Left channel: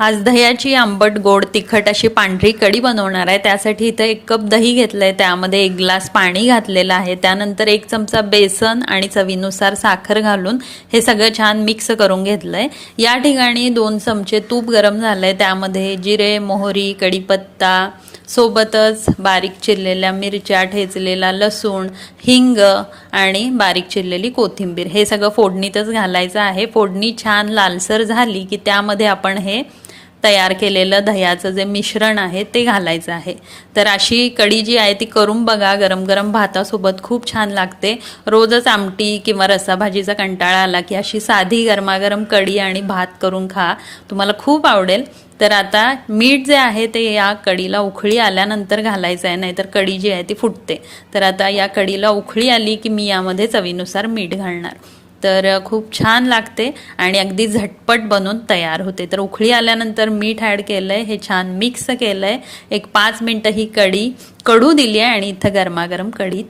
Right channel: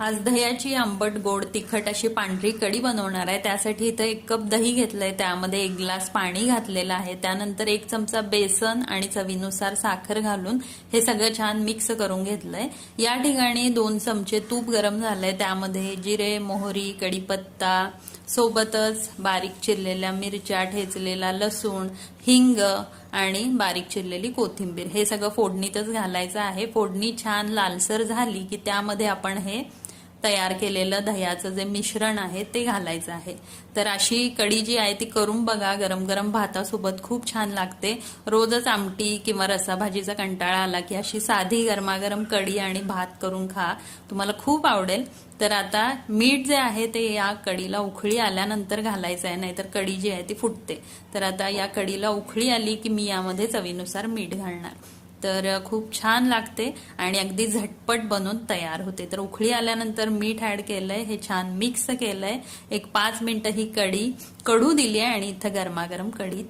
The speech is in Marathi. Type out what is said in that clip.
आज दह्याची आंबट गोड तिखट अशी पांढरी कढी बनवणार आहे। त्यासाठी इथं 1 कप दही घेतलंय, त्यामध्ये 1 ग्लास पाणी घातलेलं आहे। त्यानंतर 1 चमचा बेसन आणि चवीनुसार साखर घालून हे सगळं छान मिक्स करून घेतलंय। या ठिकाणी 2 चमचे तूप गरम झालंय, त्यामध्ये जिरे, मोहरी, कढीपत्ता, सोबतच बारीक चिरलेल्या मिरच्या, ठेचलेला लसूण, हिंग आणि बारीक चिरलेली कोथिंबीर हे सगळं फोडणीतच घालायचं आहे। फोडणी छान लालसर झाली की त्यामध्ये आपण हे तयार केलेलं दह्याचं जे मिश्रण आहे ते घालायचं आहे। तर अशी कढी जी आहे ती करून बघा, गरम गरम भातासोबत खूप छान लागते। रोजच आमटी किंवा रसाभाजीचा कंटाळा आला की अशी साधी गरमागरम कढी आणि भात करून खा, तुम्हाला खूप आवडेल। तर आता मीठ जे आहे ते या कढीला उखळी आल्यानंतर घालायचं आहे, नाहीतर कढी जी आहे ती फुटते। तर आता या कढीला उखळी आली की मी यामध्ये चवीनुसार मीठ घालणार। तर खूप छान लागते आणि अगदी झटपट बनून तयार होते। तर उखळी आल्यानंतर मीठ ॲड केलंय, हे छान मिक्स केलंय, 1 5 मिनिटं ही कढी कडू दिली आहे आणि इथं गरमागरम कढी